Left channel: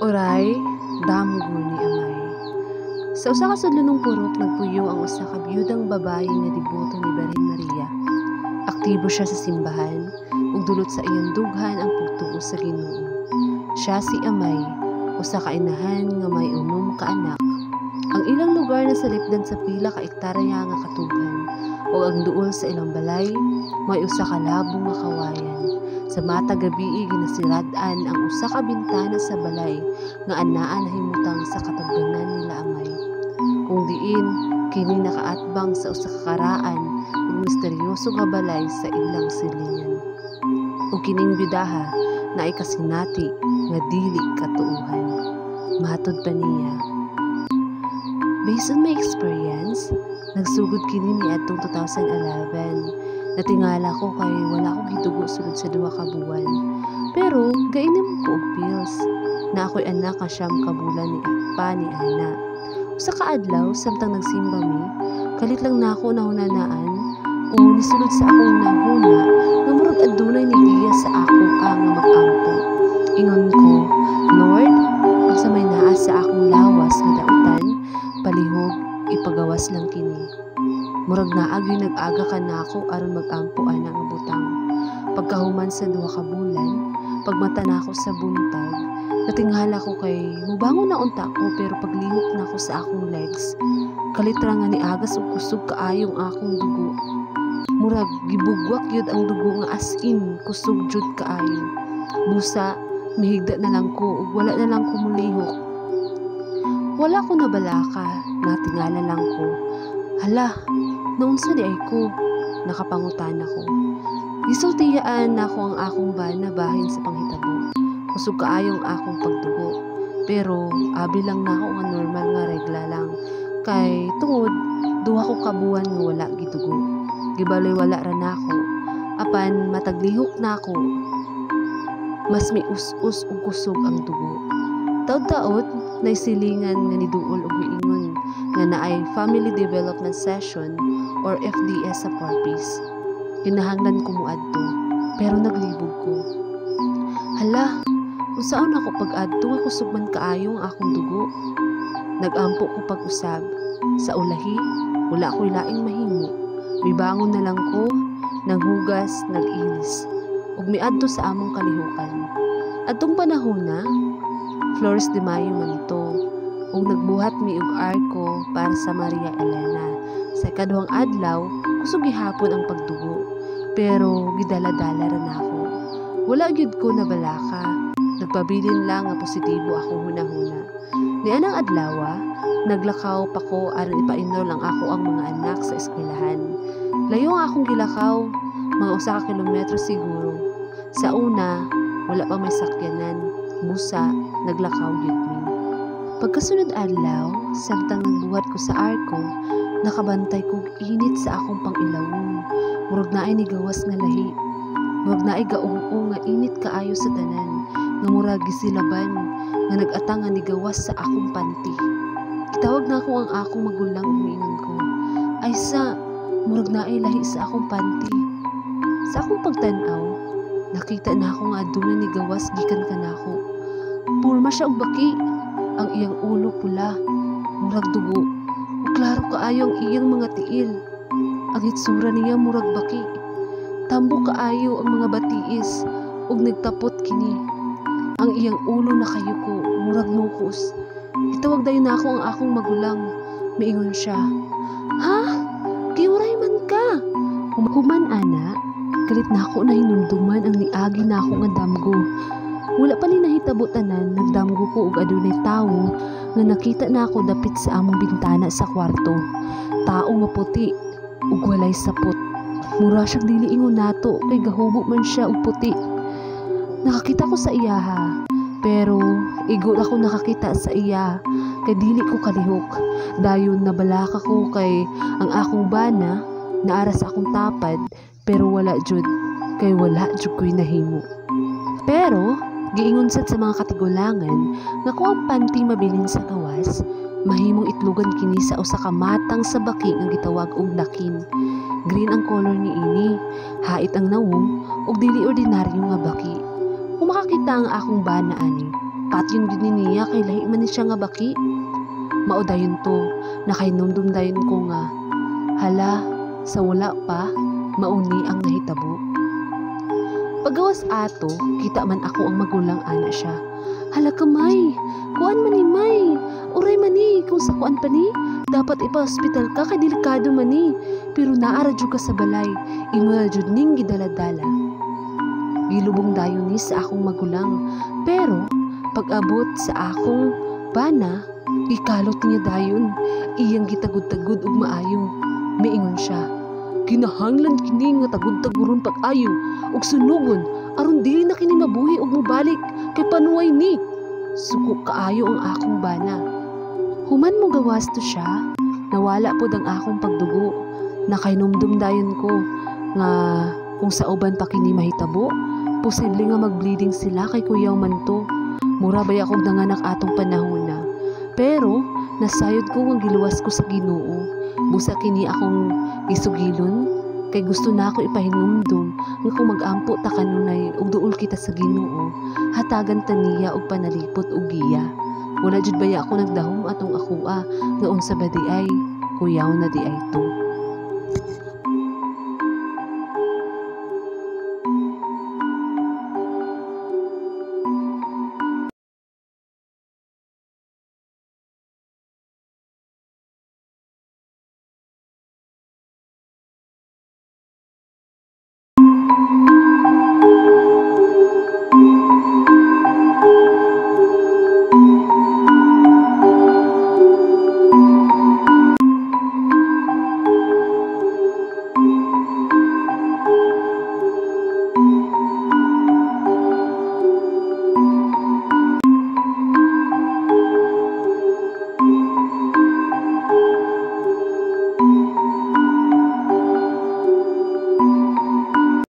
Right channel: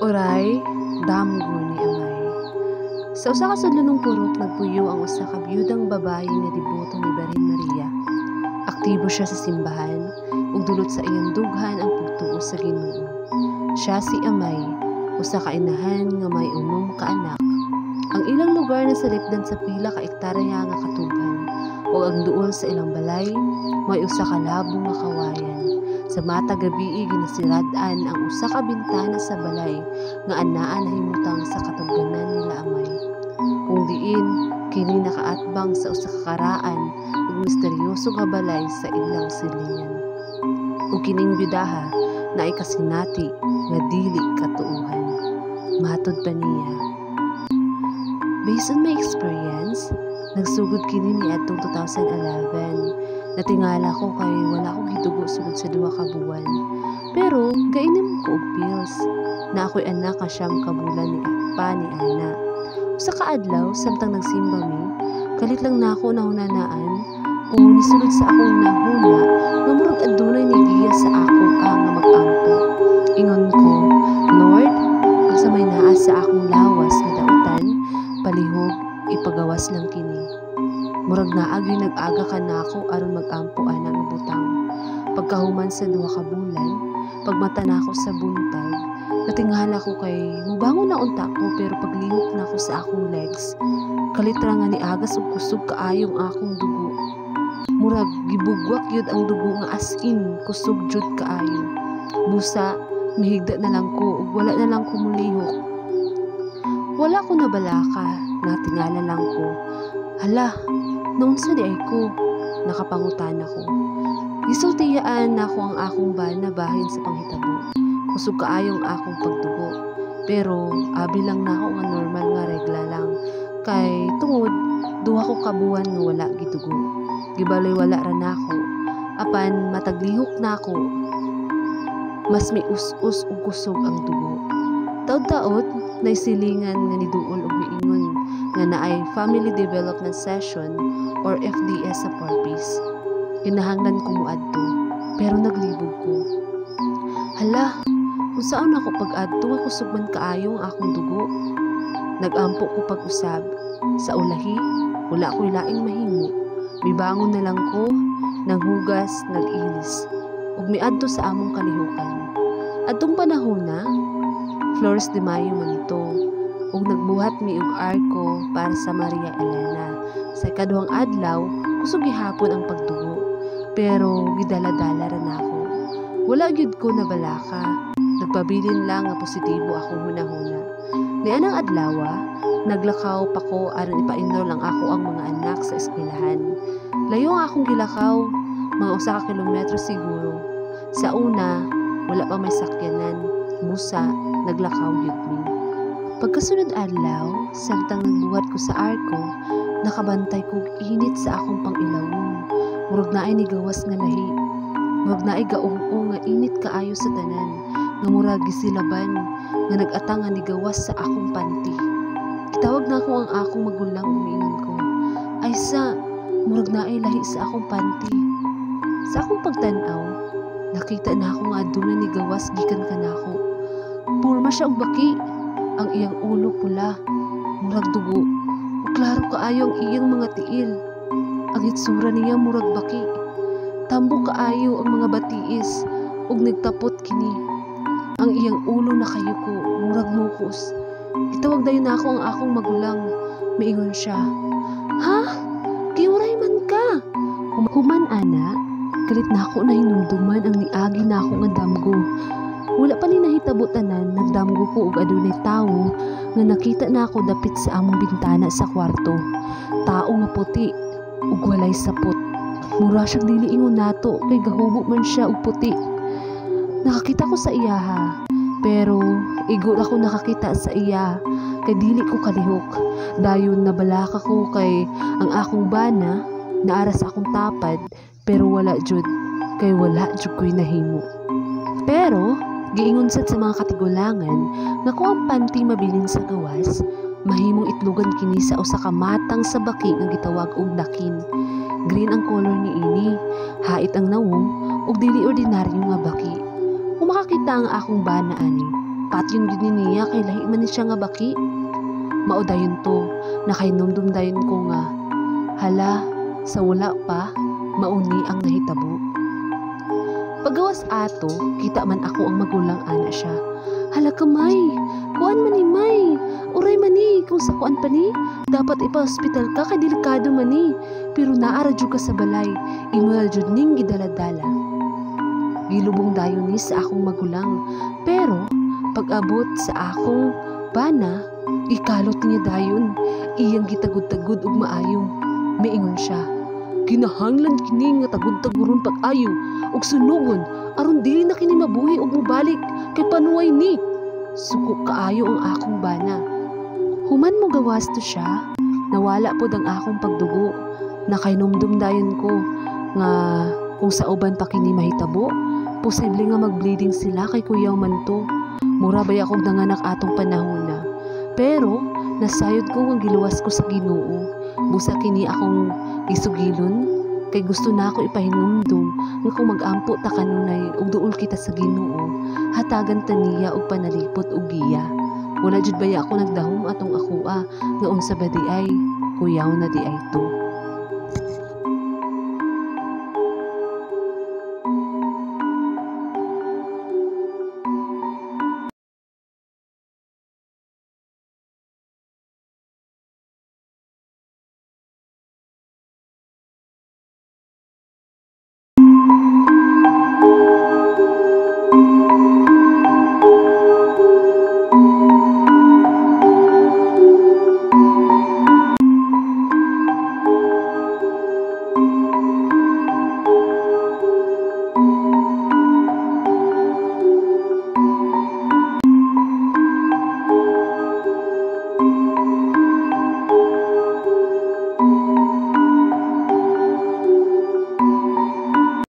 Oray, damgo ni Amay. Sa usa ka sudlunong purok nagpuyo ang usa ka biyudang babae nga deboto ni Birhen Maria. Aktibo siya sa simbahan ug dulot sa iyang dughan ang pagtuo sa Ginoo. Siya si Amay, usa ka inahan nga may 6 ka anak. Ang ilang lugar na salipdan sa pila ka ektarya nga katubhan ug ang duol sa ilang balay may usa ka labong nga kawayan. Sa matag gabii ginasirad-an ang usa ka bintana sa balay nga anaa nahimutang sa katubganan nila Amay. Kung diin kini nakaatbang sa usa ka karaan ug misteryoso nga balay sa ilang silingan. Ug kining byudaha naay kasinati nga dili katuohan. Matod pa niya, based on my experience, nagsugod kini ni adtong 2011. Natingala ko kay wala ko gitugo sulod sa 2 ka buwan. Pero gainim ko og pills na ako'y anak nga 9 ka bulan ni ana. Usa ka adlaw samtang nagsimba mi, kalit lang nako nahunanaan o nisulod sa akong nahuna nga murag adunay nigiya sa ako nga mag-ampo. Ingon ko, Lord, unsa may naa sa akong lawas nga dautan, palihog ipagawas lang kini. Murag naagyoy nag-aga ka nako aron mag-ampo ana nga butang. Pagkahuman sa 2 ka bulan, pagmata nako sa buntag, natingala ko kay mubangon na unta ko pero paglihok nako sa akong legs, kalitra nga niagas ug kusog kaayong akong dugo. Murag gibugwak yun ang dugo nga as in kusog jud kaayo. Busa, mihigda na lang ko ug wala na lang ko mulihok. Wala ko nabalaka, natingala lang ko. Hala, naunsa di ay ko, nakapangutan ako. Gisultiyaan nako ang akong bana bahin sa panghitabo. Kusog kaayong akong pagdugo. Pero abi lang nako nga normal nga regla lang. Kay tungod 2 ko kabuan nga wala gitugo. Gibaloy wala ra nako. Apan mataglihok nako. Mas may us-us ug kusog ang dugo. Taud-taud naisilingan nga niduol og miingon nga naay Family Development Session or FDS sa Porpis. Kinahanglan ko muadto pero naglibog ko. Hala, unsaon ako pag-adto nga kusog man kaayong akong dugo. Nagampo ko pag-usab. Sa ulahi, wala ko'y laing mahimo. Mibangon na lang ko, nanghugas, nag-ilis. Ug miadto sa among kalihukan. Adtong panahon na, Flores de Mayo man to. Ug nagbuhat mi og arko para sa Maria Elena. Sa ikaduhang adlaw, kusog gihapon ang pagdugo. Pero gidala-dala ra nako. Wala gyud ko nabalaka. Nagpabilin lang nga positibo ako hunahuna. Nianang adlaw, naglakaw pa ko aron ipa-enroll ang ako ang mga anak sa eskwelahan. Layo ang akong gilakaw, mga 1 ka kilometro siguro. Sa una, wala pa may sakyanan. Busa, naglakaw gyud mi. Pagkasunod adlaw, samtang nagbuhat ko sa arko, nakabantay kog init sa akong pangilawom. Murag naay ni gawas nga lahi. Murag naay gaung-ung nga init kaayo sa tanan, nga murag gisilaban nga nag-atang nga ni gawas sa akong panty. Gitawag na ako ang akong magulang ug miingon ko, ay sa, murag naay lahi sa akong panty. Sa akong pagtan-aw, nakita na ako nga aduna ni gawas gikan kanako. Purma siya og baki. Ang iyang ulo pula, murag dugo, ug klaro kaayo ang iyang mga tiil. Ang hitsura niya murag baki. Tambo kaayo ang mga batiis, ug nagtapot kini. Ang iyang ulo nakayuko, murag nukos. Gitawag dayon nako ang akong magulang. Miingon siya, "Ha? Giuray man ka?" Human ana, galit nako na hinumduman ang niagi nako nga damgo. Wala pa ni nahitabo tanan, nagdamgo ko og adunay tawo nga nakita na ako dapit sa among bintana sa kwarto. Tao nga puti ug walay sapot. Mura siyang dili ingon nato kay gahubo man siya og puti. Nakakita ko sa iya ha, pero igol ako nakakita sa iya kay dili ko kalihok. Dayon nabalaka ko kay ang akong bana naara sa akong tapad pero wala jud kay wala jud ko'y nahimo. Pero giingon sad sa mga katigulangan nga kung ang panty mabilin sa gawas, mahimong itlugan kini sa usa ka matang sa baki nga gitawag og dakin. Green ang color niini, hait ang nawong ug dili ordinaryo nga baki. Kung makakita ang akong bana ani, patyon gid ni niya kay lahi man ni siya nga baki. Mao dayon to, nakainumdum dayon ko nga, hala, sa wala pa, mauni ang nahitabo. Pagawas ato, kita man ako ang magulang ana siya. Hala ka May, kuan man ni May, uray man ni, kung sa kuan pa ni, dapat ipa-hospital ka kay delikado man ni, pero naara jud ka sa balay, imo na jud ning gidaladala. Gilubong dayon ni sa akong magulang, pero pag-abot sa akong bana, ikalot niya dayon, iyang gitagud-tagud ug maayo. Miingon siya, kinahanglan kini nga tagud-taguron pag-ayo ug sunugon aron dili na kini mabuhi ug mobalik kay panuway ni. Suko kaayo ang akong bana. Human mo gawas to siya, nawala pod ang akong pagdugo. Nakainumdum dayon ko nga kung sa uban pa kini mahitabo, posible nga mag-bleeding sila kay kuyaw man to. Mura bay akong nanganak atong panahon na. Pero nasayod ko ang giluwas ko sa Ginoo. Busa kini akong isugilon kay gusto na ako ipahinumdum nga kung mag-ampo ta kanunay ug duol kita sa Ginoo, hatagan ta niya og panalipot ug giya. Wala jud baya ako nagdahom atong akua nga unsa ba di ay kuyaw na di ay to.